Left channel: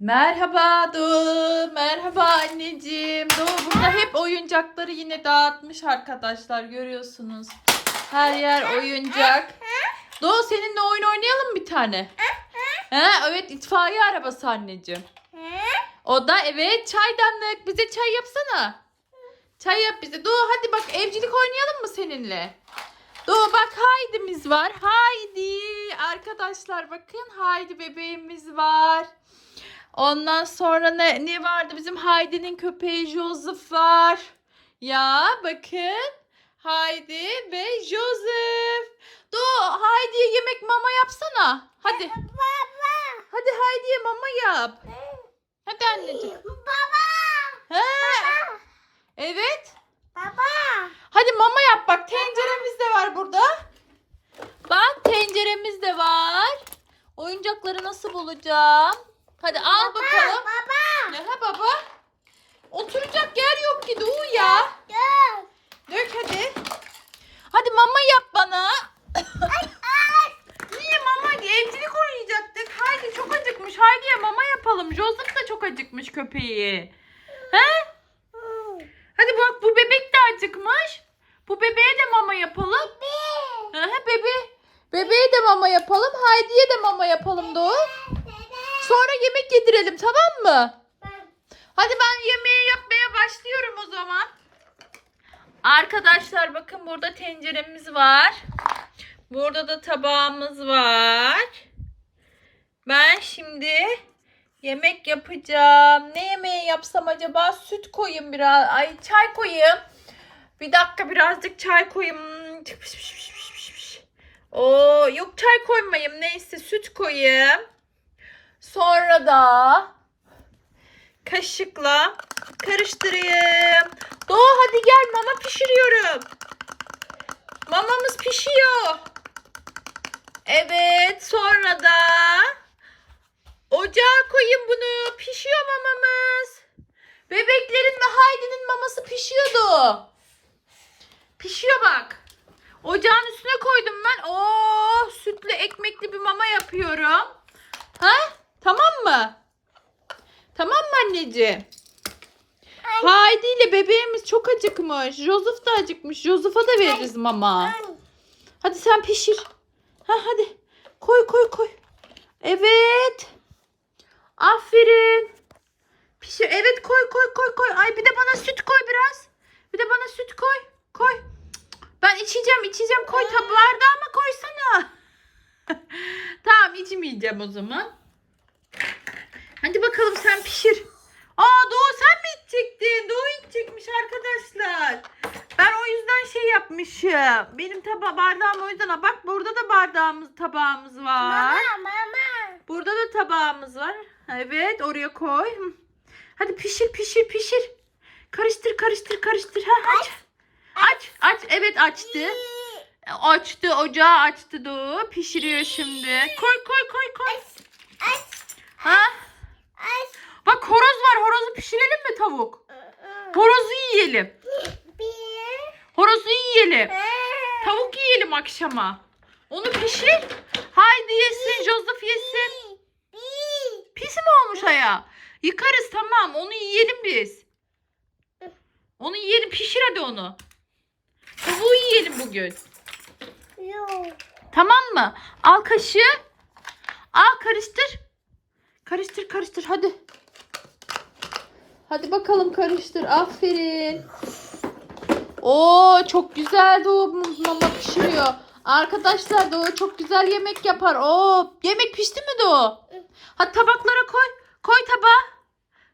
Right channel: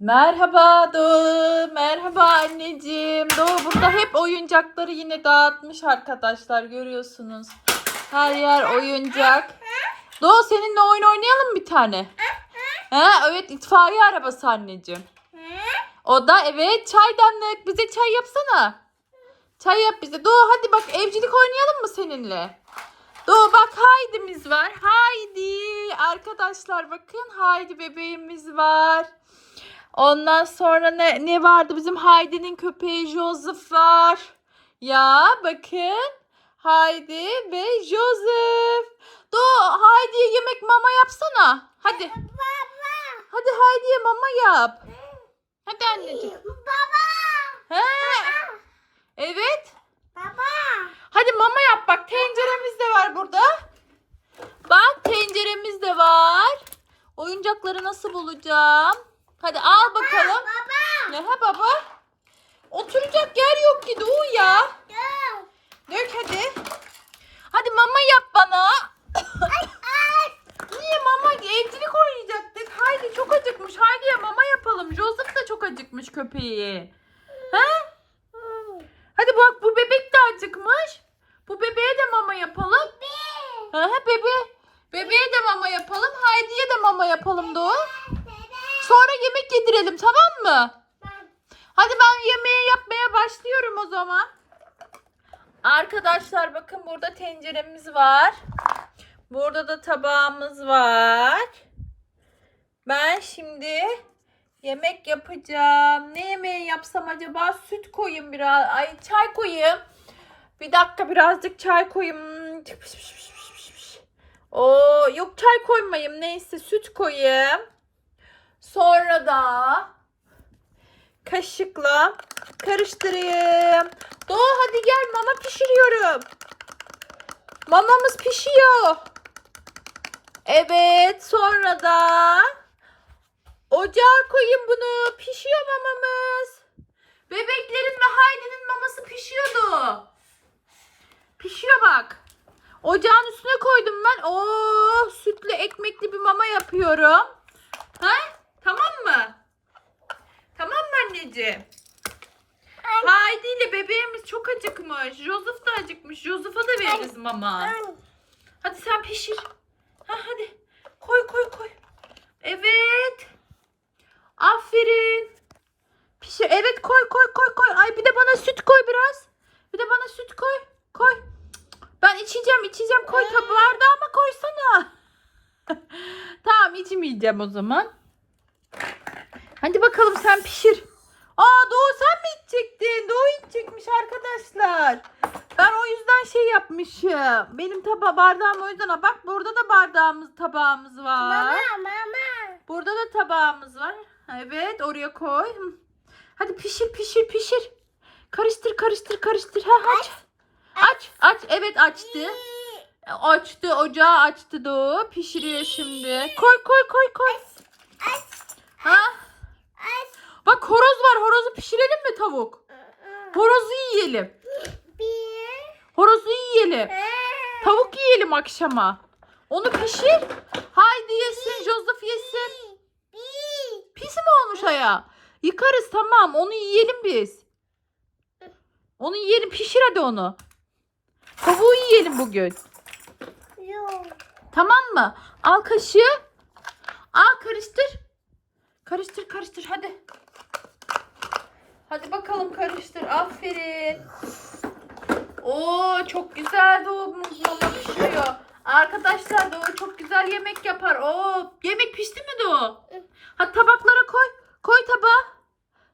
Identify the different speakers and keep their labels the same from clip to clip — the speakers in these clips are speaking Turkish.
Speaker 1: Merhaba Doğu. Merhaba anneciğim. Doğu burada hep oyuncakları yine dağıtmış arkadaşlar. Görüyorsunuz. Her yer oyuncak. Doğu seninle oyun oynayalım bir tane. Ha, evet itfaiye arabası anneciğim. O da evet çaydanlık. Bize çay yapsana. Çay yap bize. Doğu hadi bak evcilik oynayalım mı seninle? Doğu bak Haydi'miz var. Haydi. Arkadaşlar bakın Haydi bebeğimiz var. Ondan sonra ne, ne vardı? Bizim Haydi'nin köpeği Joseph var. Ya bakın. Haydi ve Joseph. Doğu Haydi'ye yemek mama yapsana. Hadi. Hadi Haydi'ye mama yap. Hadi anneciğim. He. Evet. Hadi mama yap bak tenceremiz de var burada. Bak tenceremiz de var. Oyuncakları nasıl bulacağım? Hadi al bakalım. Ne ha baba? Oturacak yer yok ki Doğu ya. Dök hadi. Hadi mama yap bana. Niye mama? Evcilik oynayacaktık. Haydi çok acıkmış. Haydi'ye mama yapalım. Joseph da çok acıkmış köpeği. He? Hadi bak bu bebek de acıkmış. Bu bebeğe de mama yapalım. Hı hı bebe. Bebeğe de mama yapalım. Haydi'ye de mama yapalım Doğu. Sonra yemek yedirelim tamam mı? Hadi ben yemeği yapmaya başlıyorum o zaman. Arkadaşlar bakın burada tenceremiz var. Burada da tabağımız var. Ben şimdi yemek yapacağım. Ne yemeği yapsam acaba? Süt koyayım biraz. Ay çay koyayım. Bir dakika birazcık çay koyayım. Oo yok çay koymayayım. Neyse süt koyayım. Sonra da kaşıkla karıştırayım. Doğu hadi gel mama pişiriyorum. Mamamız pişiyor. Evet sonra da ocağa koyayım bunu. Pişiyor mamamız. Bebeklerin ve Haydi'nin maması pişiyordu. Pişiyor bak. Ocağın üstüne koydum ben. Oo, sütlü ekmekli bir mama yapıyorum. Ha? Tamam mı? Tamam mı anneciğim? Haydi ile bebeğimiz çok acıkmış. Joseph da acıkmış. Joseph'a da veririz mama. Hadi sen pişir. Ha hadi. Koy koy koy. Evet. Aferin. Pişir. Evet koy koy koy koy. Ay bir de bana süt koy biraz. Bir de bana süt koy. Koy. Ben içeceğim içeceğim. Koy tabi bardağıma koysana. tamam içmeyeceğim o zaman. Hadi bakalım sen pişir. Aa Doğu sen mi içecektin? Doğu içecekmiş arkadaşlar. Ben o yüzden şey yapmışım. Benim taba bardağım o yüzden. Bak burada da bardağımız tabağımız var. Burada da tabağımız var. Evet oraya koy. Hadi pişir pişir pişir. Karıştır karıştır karıştır. Ha, aç. Aç aç. Evet açtı. Açtı ocağı açtı Doğu. Pişiriyor şimdi. Koy koy koy koy. Ha? Bak horoz var. Horozu pişirelim mi tavuk? Horozu yiyelim. Horozu yiyelim. Tavuk yiyelim akşama. Onu pişir. Haydi yesin. Joseph yesin. Pis mi olmuş aya? Yıkarız tamam. Onu yiyelim biz. Onu yiyelim. Pişir hadi onu. Tavuğu yiyelim bugün. Tamam mı? Al kaşığı. Al karıştır. Karıştır karıştır hadi. Hadi bakalım karıştır. Aferin. Oo çok güzel doğumuz mama pişiyor. Arkadaşlar Doğu çok güzel yemek yapar. Oo yemek pişti mi Doğu? Hadi tabaklara koy. Koy tabağa.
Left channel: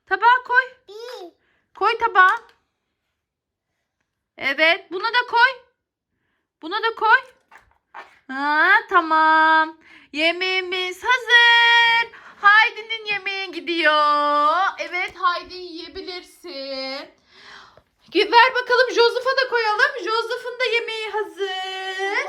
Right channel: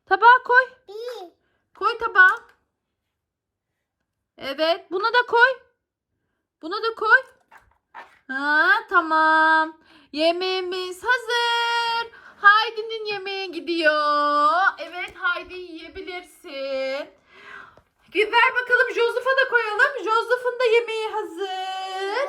Speaker 1: Tabağa koy. Koy tabağa. Evet bunu da koy. Bunu da koy. Ha tamam. Yemeğimiz hazır. Haydi'nin yemeği gidiyor. Evet Haydi yiyebilirsin. Ver bakalım Joseph'a da koyalım. Joseph'ın da yemeği hazır.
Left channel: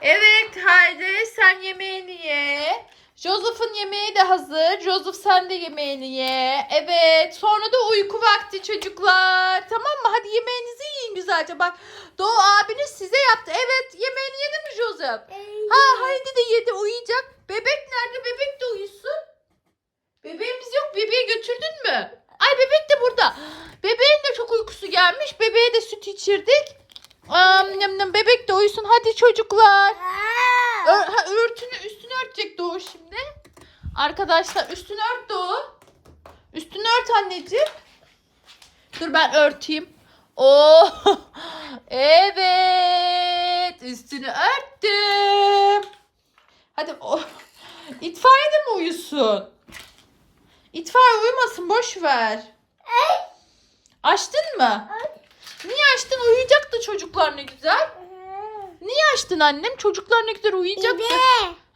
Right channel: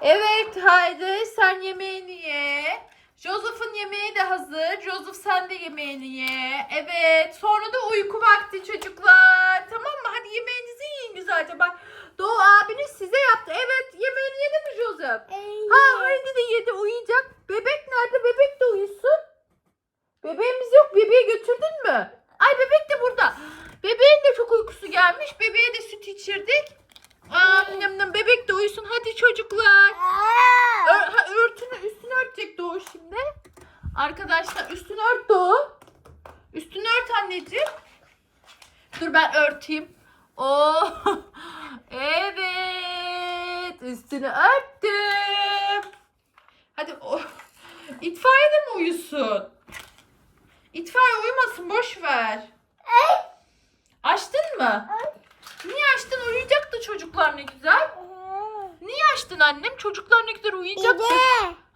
Speaker 1: Evet Haydi sen yemeğini ye. Joseph'ın yemeği de hazır. Joseph sen de yemeğini ye. Evet sonra da uyku vakti çocuklar. Tamam mı? Hadi yemeğinizi yiyin güzelce. Bak Doğu abiniz size yaptı. Evet yemeğini yedi mi Joseph? Ha Haydi de yedi uyuyacak. Bebek nerede? Bebek de uyusun. Bebek bebeği götürdün mü? Ay bebek de burada. Bebeğin de çok uykusu gelmiş. Bebeğe de süt içirdik. Am, nam, nam, bebek de uyusun. Hadi çocuklar. Ör, ha, örtünü üstünü örtecek Doğu şimdi. Arkadaşlar üstünü ört Doğu. Üstünü ört anneciğim. Dur ben örteyim. Oo. Evet. Üstünü örttüm. Hadi o. İtfaiye de mi uyusun? İtfaiye uyumasın boş ver. Açtın mı? Niye açtın? Uyuyacaktı çocuklar ne güzel. Niye açtın annem? Çocuklar ne güzel uyuyacaktı.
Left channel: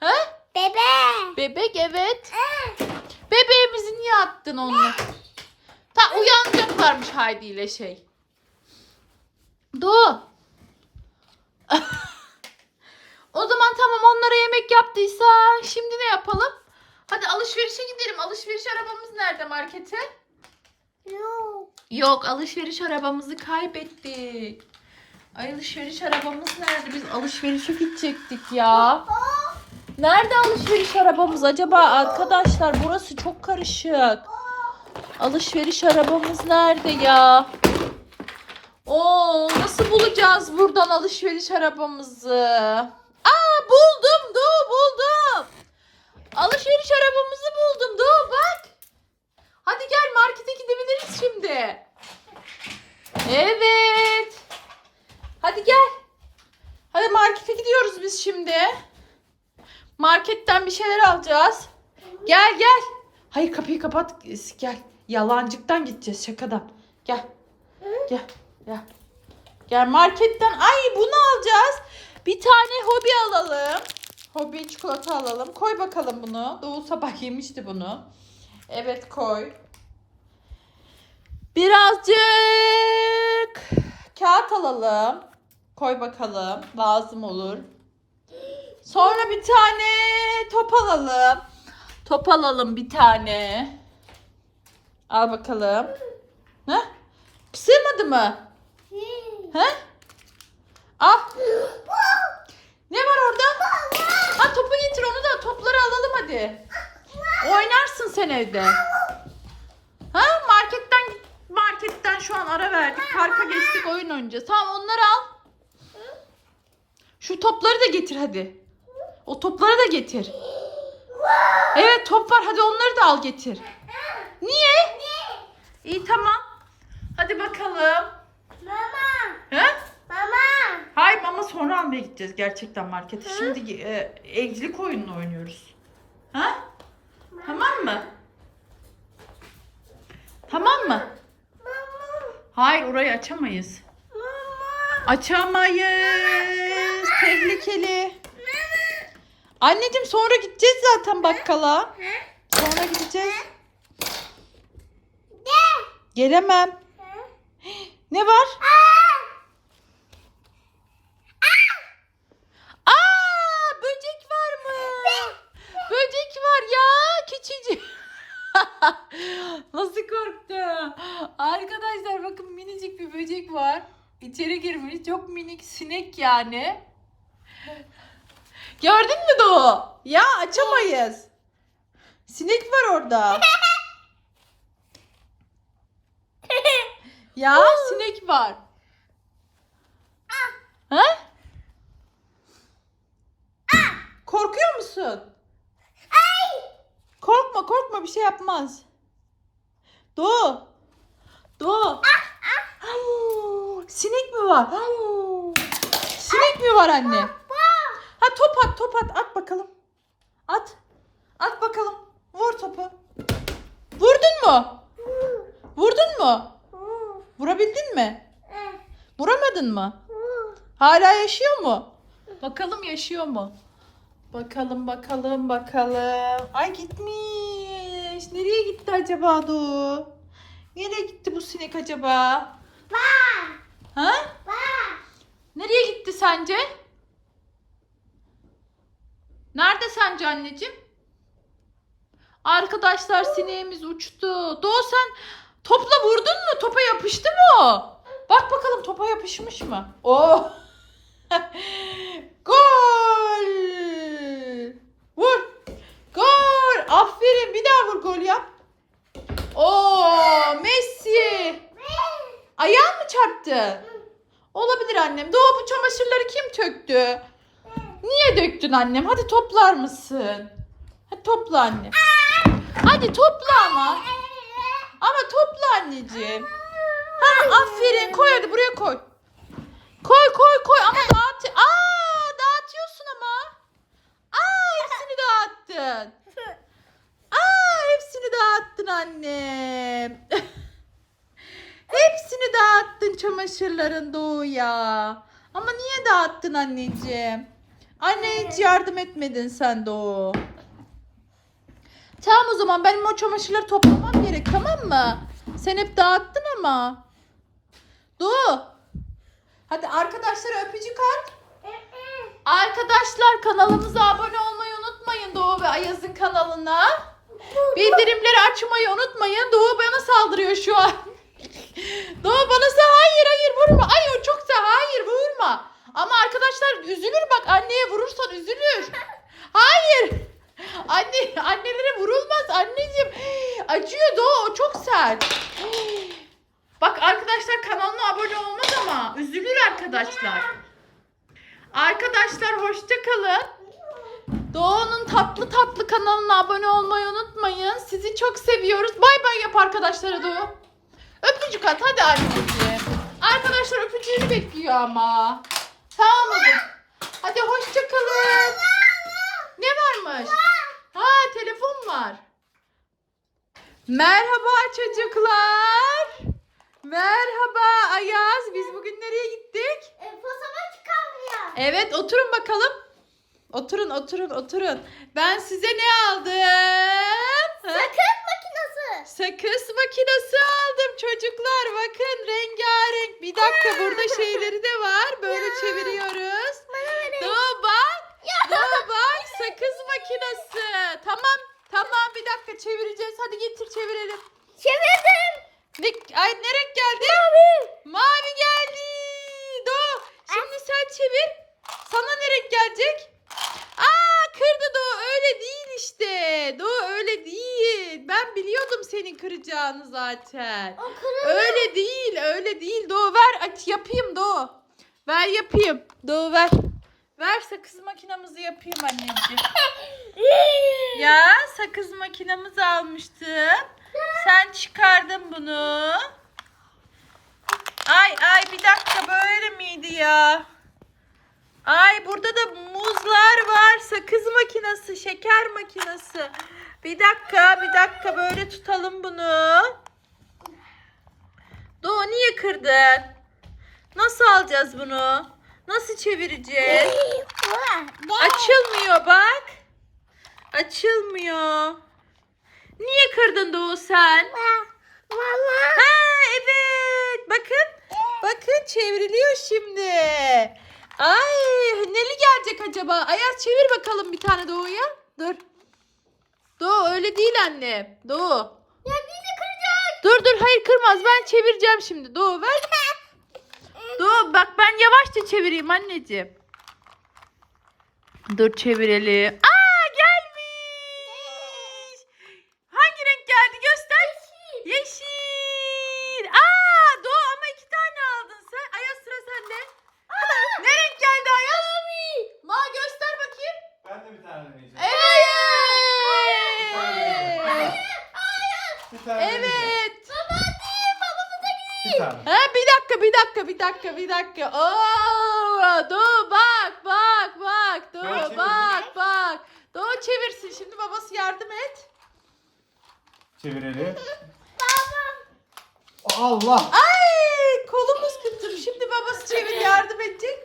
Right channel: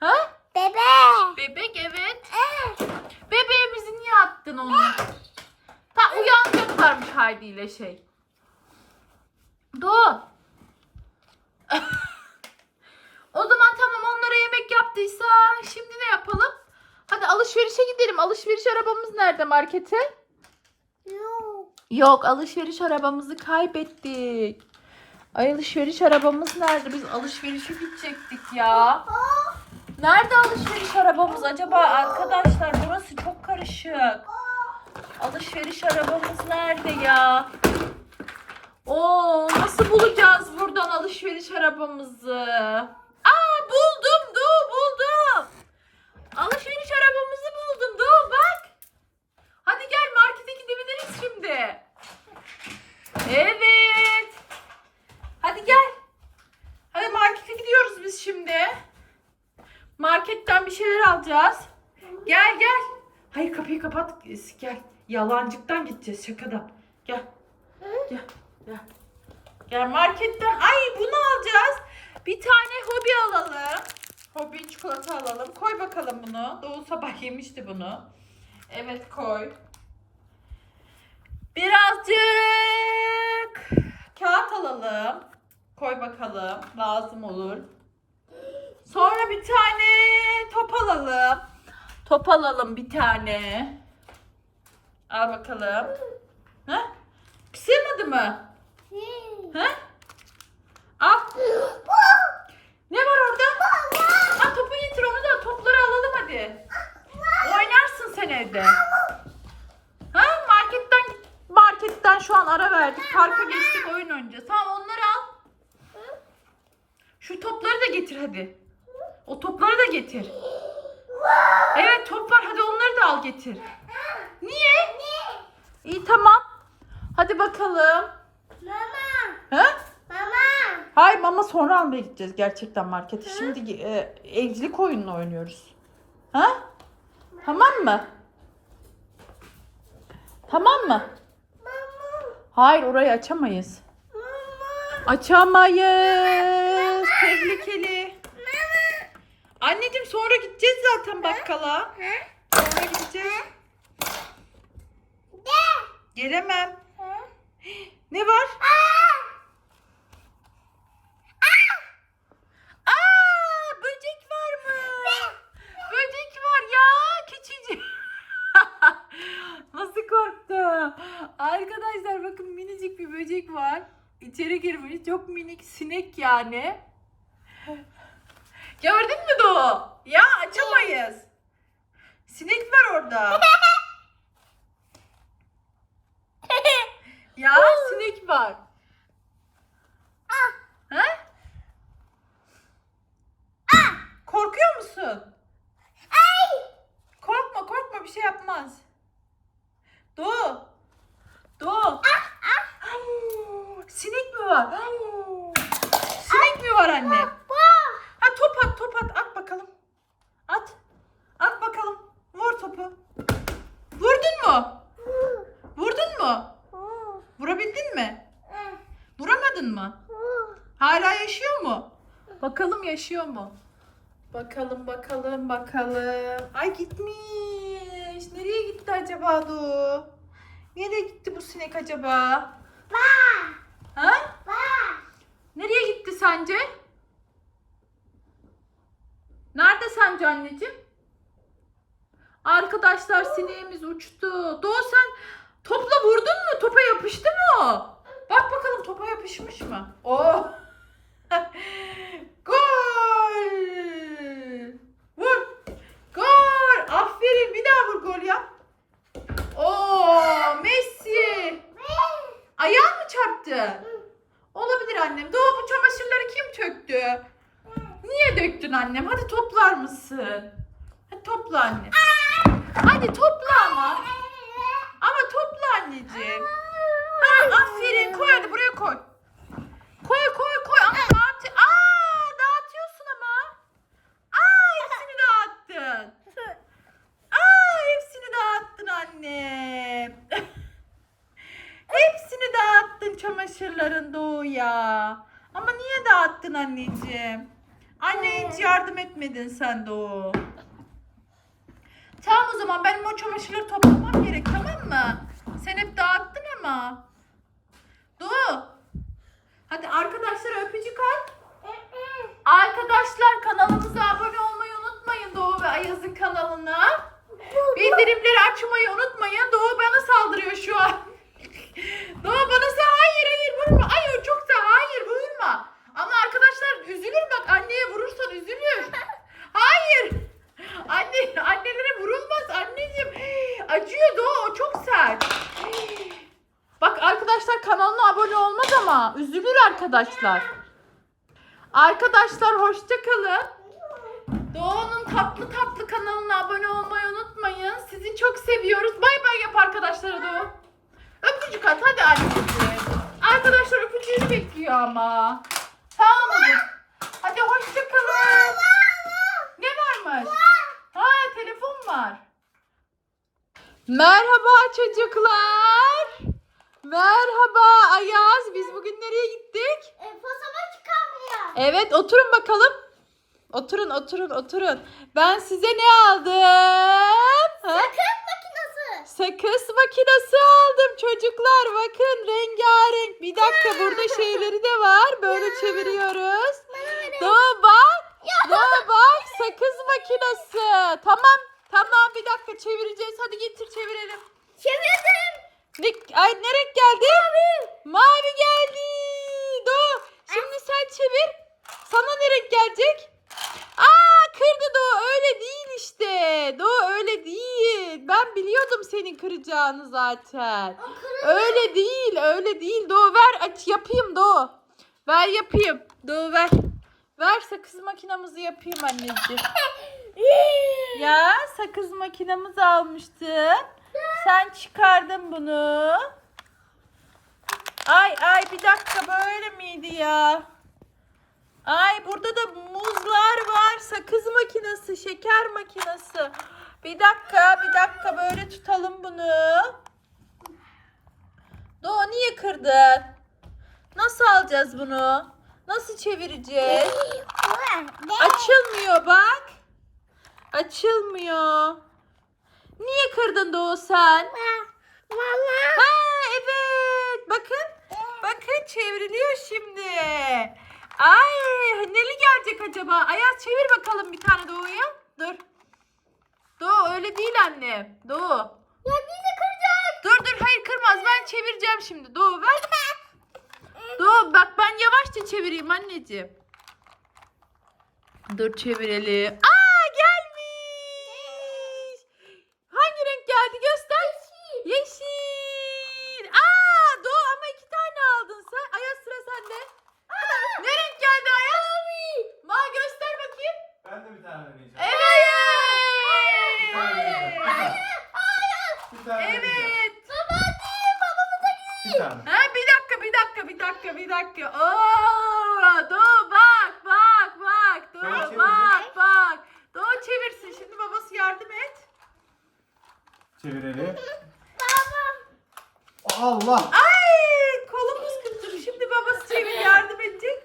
Speaker 1: Ha?
Speaker 2: Bebe.
Speaker 1: Bebek evet. Bebeğimizi niye attın onu? Ta uyanacaklarmış Haydi ile şey. Doğu. o zaman tamam onlara yemek yaptıysa şimdi ne yapalım? Hadi alışverişe gidelim. Alışveriş arabamız nerede markete?
Speaker 2: Yok.
Speaker 1: Yok alışveriş arabamızı kaybettik. Ay alışveriş arabamız nerede? Biz alışverişe gidecektik ya. Nerede alışveriş arabamız acaba arkadaşlar? Burası çok karışık. Alışveriş arabamız nerede ya? Oo nasıl bulacağız buradan alışveriş arabamızı? Aa buldum Doğu buldum. Alışveriş arabamızı buldum Doğu bak. Hadi gel markete gidebiliriz şimdi. Evet. Hadi gel. Hadi markete gidiyoruz biz şimdi. Marketten bir şeyler alacağız. Gel gel. Hayır kapıyı kapat. Gel. Yalancıktan gideceğiz şakadan. Gel. Gel. Gel. Gel marketten. Ay bunu alacağız. Bir tane hobi alalım. Hobi çikolata alalım. Koy bakalım bunu. Doğu sabah yemişti bunu. Evet koy. Birazcık kağıt alalım. Koy bakalım. Lazım olur. Sonra bir tane top alalım. Top alalım bir tane. Al bakalım. Ha? Sığmadı mı? Ha? Al. Ne var orada? Ha topu getir onu da topları alalım hadi. Sen evde. Ha marketten marketten şu an ara verdik. Parka geçtik oyun oynayacağız. Tamam onları al. Şu topları da getir hadi. O topları da getir. Evet top var hadi onları da al getir. Niye? İyi tamam. Hadi bakalım.
Speaker 2: Mama.
Speaker 1: He?
Speaker 2: Mama.
Speaker 1: Hayır mama sonra almaya gideceğiz gerçekten markete. Şimdi e, evcilik oyununu oynuyoruz. Ha? Tamam mı? Tamam mı? Hayır orayı açamayız. Açamayız. Tehlikeli. Anneciğim sonra gideceğiz zaten bakkala. Sonra gideceğiz. Gelemem. Ne var? Aa, böcek var mı? Böcek var ya küçücük. Nasıl korktu? Arkadaşlar bakın minicik bir böcek var. İçeri girmiş. Çok minik sinek yani. Gördün mü Doğu? Ya açamayız. Sinek var orada. Ya sinek var. Ha? Korkuyor musun? Korkma bir şey yapmaz. Doğu. Doğu. Sinek mi var? Sinek mi var anne? Ha top at top at at bakalım. At. At bakalım. Vur topu. Vurdun mu? Vurdun mu? Vurabildin mi? Vuramadın mı? Hala yaşıyor mu? Bakalım yaşıyor mu? Bakalım bakalım bakalım. Ay gitmiş. Nereye gitti acaba Du? Nereye gitti bu sinek acaba? Ha? Nereye gitti sence? Nerede sence anneciğim? Arkadaşlar sineğimiz uçtu. Doğu sen topla vurdun mu? Topa yapıştı mı o? Bak bakalım topa yapışmış mı? Oh. gol! Vur! Gol! Aferin bir daha vur gol yap. döktü. Niye döktün annem? Hadi toplar mısın? Hadi topla annem. Hadi topla ama. Ama topla anneciğim. Ha aferin koy hadi buraya koy. Koy koy koy ama dağıt. Aa dağıtıyorsun ama. Aa hepsini dağıttın. Aa hepsini dağıttın annem. hepsini dağıttın çamaşırların Doğu'ya. Ama niye dağıttın anneciğim? Anne hiç yardım etmedin sen Doğu. Tamam o zaman benim o çamaşırları toplamam gerek tamam mı? Sen hep dağıttın ama. Doğu. Hadi arkadaşlara öpücük at. Arkadaşlar kanalımıza abone olmayı unutmayın Doğu ve Ayaz'ın kanalına. Bildirimleri açmayı unutmayın. Doğu bana saldırıyor şu an. Doğu bana sa hayır hayır vurma. Ay o çok sa hayır vurma. Ama arkadaşlar üzülür bak anneye vurursan üzülür. Hayır. Anne annelere vurulmaz anneciğim. Acıyor Doğu o çok sert. Bak arkadaşlar kanalına abone olmaz ama üzülür arkadaşlar. Arkadaşlar hoşça kalın. Doğu'nun tatlı tatlı kanalına abone olmayı unutmayın. Sizi çok seviyoruz. Bay bay yap arkadaşlara Doğu. Öpücük at hadi anneciğim. Arkadaşlar öpücüğünü bekliyor ama. Tamam mı? Hadi hoşça kalın. Ne varmış? Ha telefon var. Merhaba çocuklar. Merhaba Ayaz. Biz bugün nereye gittik?
Speaker 2: Posama çıkamıyor.
Speaker 1: Evet oturun bakalım. Oturun oturun oturun. Ben size ne aldım? Ha?
Speaker 2: Sakız makinesi.
Speaker 1: Sakız makinesi aldım çocuklar. Bakın rengarenk. Bir dakika burada şeyleri de var. Böyle çeviriyoruz. Doğu bak. Doğu bak. Sakız makinesi. Tamam. Tamam bir dakika çevireceğiz. Hadi getir çevirelim.
Speaker 2: Çevirdim.
Speaker 1: Ne, ay ne renk geldi? Mavi. Mavi geldi. Doğu. Şimdi sen çevir. Sana ne renk gelecek? Aa kırdı Doğu. Öyle değil işte. Doğu öyle değil. Ben biliyordum senin kıracağını zaten.
Speaker 2: O kırıldı.
Speaker 1: Öyle değil. Öyle değil. Doğu ver. Aç yapayım Doğu. Ver yapayım. Doğu ver. Ver sakız makinamızı yapayım anneciğim. Ya sakız makinamızı almıştım. Sen çıkardın bunu. Ay ay bir dakika böyle miydi ya? Ay burada da muzlar var. Sakız makinesi, şeker makinesi. Bir dakika, bir dakika böyle tutalım bunu. Doğu niye kırdın? Nasıl alacağız bunu? Nasıl çevireceğiz? Açılmıyor bak. Açılmıyor. Niye kırdın Doğu sen?
Speaker 2: Mama.
Speaker 1: Ha evet. Bakın. Bakın çevriliyor şimdi. Ay neli gelecek acaba? Ayaz çevir bakalım bir tane Doğu'ya. Dur. Doğu öyle değil anne. Doğu.
Speaker 2: Ya bizi kıracak.
Speaker 1: Dur dur hayır kırmaz ben çevireceğim şimdi. Doğu ver. Doğu bak ben yavaşça çevireyim anneciğim. Dur çevirelim. Aa gelmiş. Hangi renk geldi göster. Yeşil. Aa Doğu ama iki tane aldın sen. Ayaz sıra sende. Ne renk geldi Ayaz? Ma göster bakayım.
Speaker 3: Ben de bir tane deneyeceğim.
Speaker 1: Evet.
Speaker 3: Bir tane deneyeceğim.
Speaker 1: Evet.
Speaker 3: Bir tane.
Speaker 1: Ha bir dakika bir dakika bir dakika bir dakika. Oo, Doğu bak bak bak
Speaker 3: çevireyim.
Speaker 1: bak bak. Doğu çevirsin şimdi babası yardım et.
Speaker 3: Çevirelim. Allah.
Speaker 1: Ay kolumuz kırıldı. Şimdi babası çevir yardım edecek.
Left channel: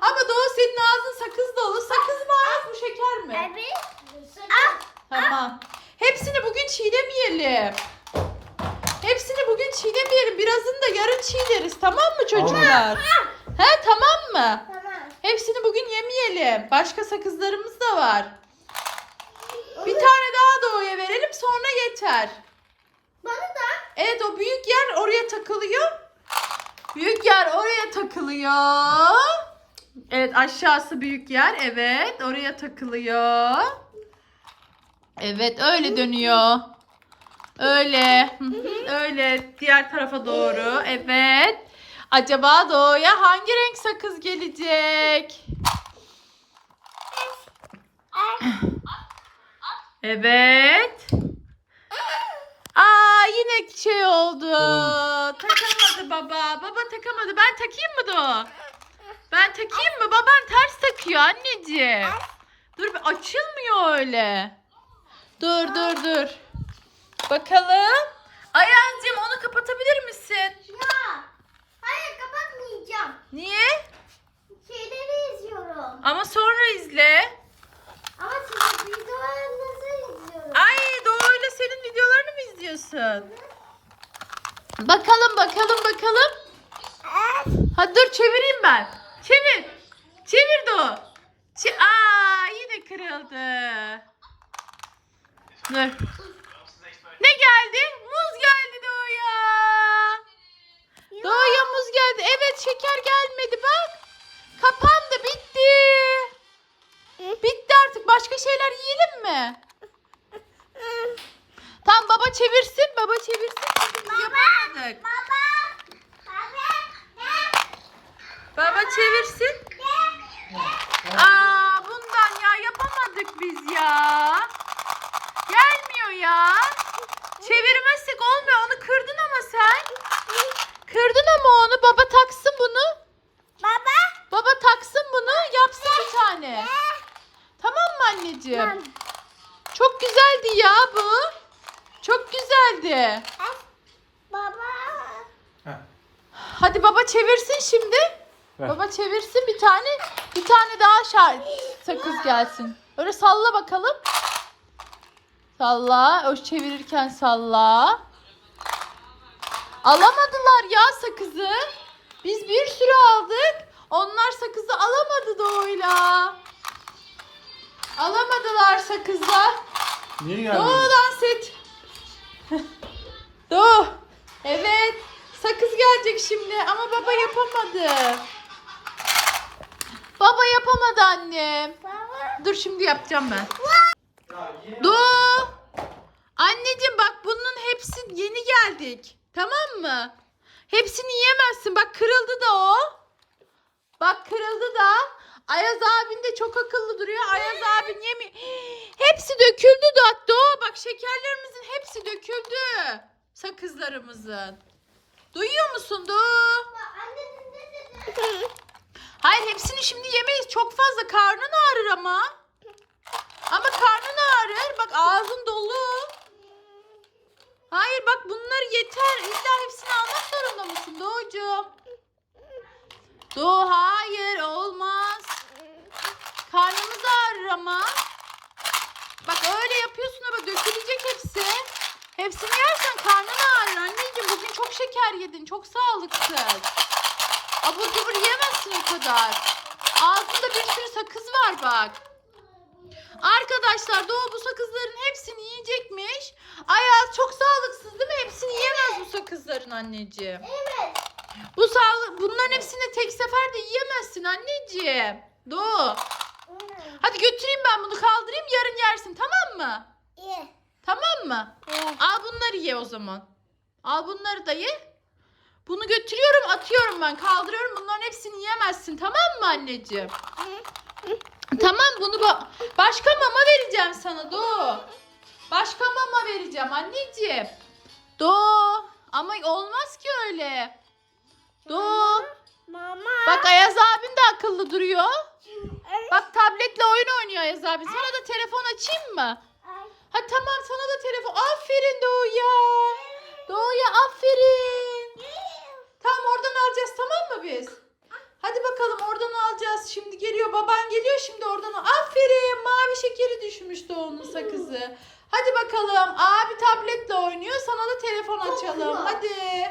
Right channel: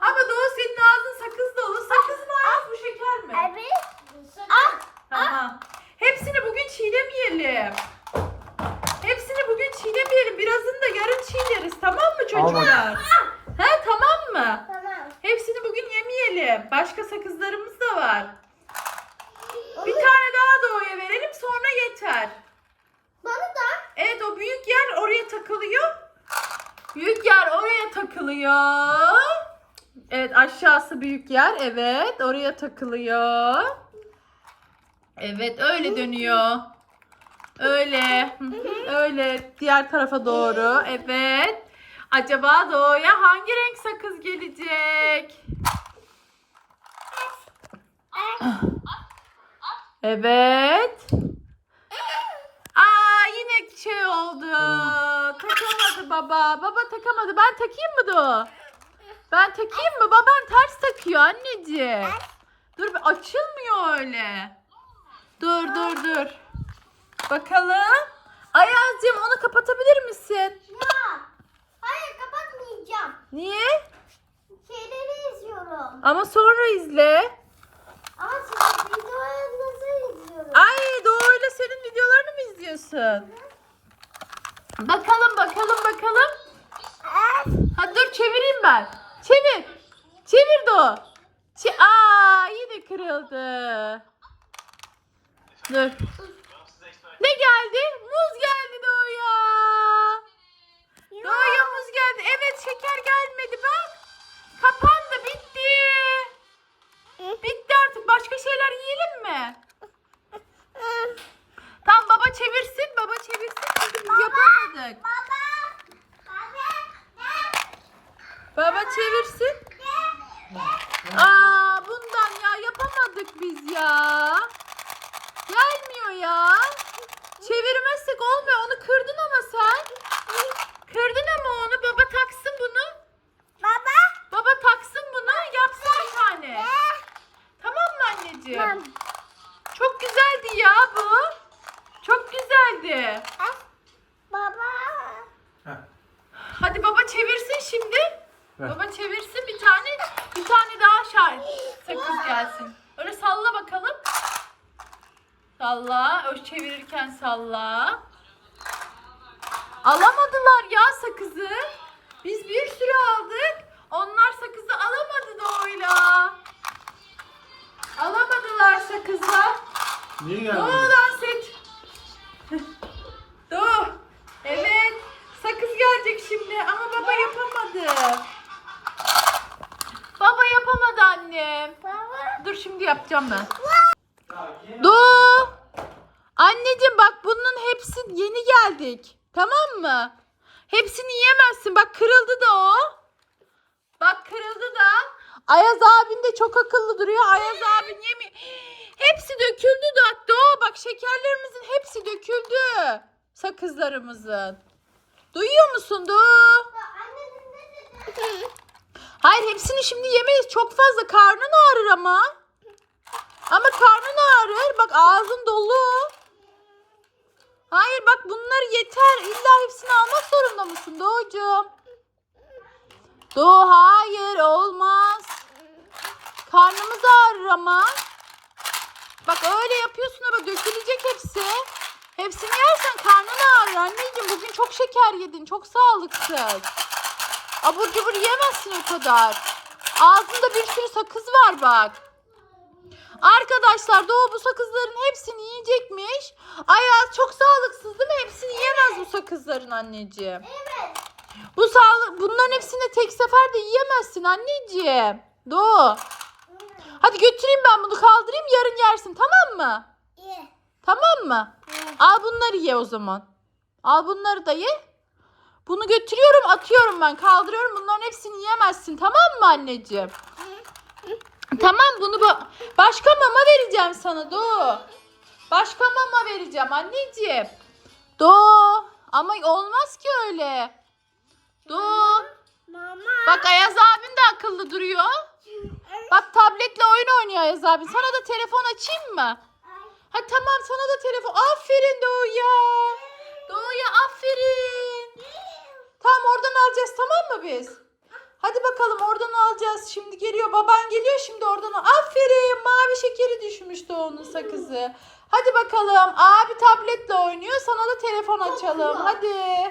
Speaker 1: Ama Doğu senin ağzın sakız dolu. Sakız mı Ayaz bu şeker mi?
Speaker 2: Evet. Ah.
Speaker 1: Tamam. Hepsini bugün çiğnemeyelim. Hepsini bugün çiğnemeyelim. Birazını da yarın çiğneriz. Tamam mı çocuklar? He tamam mı?
Speaker 2: Tamam.
Speaker 1: Hepsini bugün yemeyelim. Başka sakızlarımız da var. Bir tane daha doğuya verelim sonra yeter.
Speaker 2: Bana da.
Speaker 1: Evet o büyük yer oraya takılıyor. Büyük yer oraya takılıyor. Evet aşağısı büyük yer. Evet oraya takılıyor. Evet öyle dönüyor. Öyle. Öyle diğer tarafa doğru. Evet. Acaba doğuya hangi renk sakız gelecek? Evet. Aa yine şey oldu. Takamadı baba. Baba takamadı. Ben takayım mı Doğu? Ben takayım mı? Baban ters takıyor anneciğim. Dur açılmıyor öyle. Dur dur dur. Bakalım. Ayazcığım onu kapatabilir misin?
Speaker 2: Ya. Hayır kapatmayacağım.
Speaker 1: Niye?
Speaker 2: Şeyleri izliyorum.
Speaker 1: Ama sonra izle.
Speaker 2: Ama siz videolarınızı izliyorum.
Speaker 1: Ay Doğu'yla senin videolarını mı izliyorsun? Bakalım bakalım bakalım. Hadi dur çevireyim ben. Çevir. Çevir Doğu. Çe Aa yine kırıldı. Dur. Ne geldi? Muz geldi Doğu'ya. Geldi. Evet şeker gelmedi bak. Kapandı bitti. Bitti artık. Başka şeyler yiyelim mi? Tamam baba çevirsin. Baba çevirsin. Biz yapamadık.
Speaker 2: Baba.
Speaker 1: Baba çevirsin. Aa bundan ya yapamadık biz ya. Gelmiyor ya. Çevirmezsek olmuyor. Onu kırdın ama sen. Kırdın ama onu. Baba taksın bunu.
Speaker 2: Baba.
Speaker 1: Baba taksın bunu. Yapsın bir tane. Tamam mı anneciğim? Çok güzeldi ya bu. Çok güzeldi.
Speaker 2: Baba.
Speaker 3: Heh.
Speaker 1: Hadi baba çevirsin şimdi.
Speaker 3: Ver.
Speaker 1: Baba çevirsin bir tane. Bir tane daha şar sakız gelsin. Öyle salla bakalım. Salla. O çevirirken salla. Alamadılar ya sakızı. Biz bir sürü aldık. Onlar sakızı alamadı Doğu'yla. Alamadılar sakızlar.
Speaker 3: Niye geldin?
Speaker 1: Doğu dans et. Doğu. Evet. Sakız gelecek şimdi ama baba yapamadı. Baba yapamadı annem.
Speaker 2: Baba.
Speaker 1: Dur şimdi yapacağım ben. Doğu. Anneciğim bak bunun hepsi yeni geldik. Tamam mı? Hepsini yiyemezsin. Bak kırıldı da o. Bak kırıldı da. Ayaz abin de çok akıllı duruyor. Ayaz abin yemiyor. Hepsi döküldü da. Doğu bak şekerlerimizin hepsi döküldü. Sakızlarımızın. Duyuyor musun Doğu? Hayır hepsini şimdi yemeyiz. Çok fazla karnın ağrır ama. Ama karnın ağrır. Bak ağzın dolu. Hayır bak bunlar yeter. İlla hepsini almak zorunda mısın Doğucuğum? Doğu hayır olmaz. Karnımız ağrır ama. Bak öyle yapıyorsun ama dökülecek hepsi. Hepsini yersen karnın ağrır anneciğim. Bugün çok şeker yedin. Çok sağlıksız. Abur cubur yemezsin o kadar. Ağzında bir sürü sakız var bak. Arkadaşlar Doğu bu sakızların hepsini yiyecekmiş. Ayaz çok sağlıksız değil mi? Hepsini yiyemez bu sakızların anneciğim.
Speaker 2: Evet.
Speaker 1: Bu sağlık bunların hepsini tek seferde yiyemezsin anneciğim. Doğu. Hadi götüreyim ben bunu kaldırayım yarın yersin tamam mı?
Speaker 2: İyi.
Speaker 1: Tamam mı? Al bunları ye o zaman. Al bunları da ye. Bunu götürüyorum atıyorum ben kaldırıyorum bunların hepsini yiyemezsin tamam mı anneciğim? Tamam bunu ba- başka mama vereceğim sana Doğu. Başka mama vereceğim anneciğim. Doğu ama olmaz ki öyle. Doğu.
Speaker 2: Mama.
Speaker 1: Bak Ayaz abin de akıllı duruyor. Bak tabletle oyun oynuyor Ayaz abin. Sana da telefon açayım mı? Ha tamam sana da telefon. Aferin Doğu'ya. Doğu'ya aferin. Tamam oradan alacağız tamam mı biz? Hadi bakalım oradan alacağız. Şimdi geliyor baban geliyor şimdi oradan. Aferin mavi şekeri düşmüş Doğu'nun sakızı. Hadi bakalım abi tabletle oynuyor sana da telefon açalım. Hadi.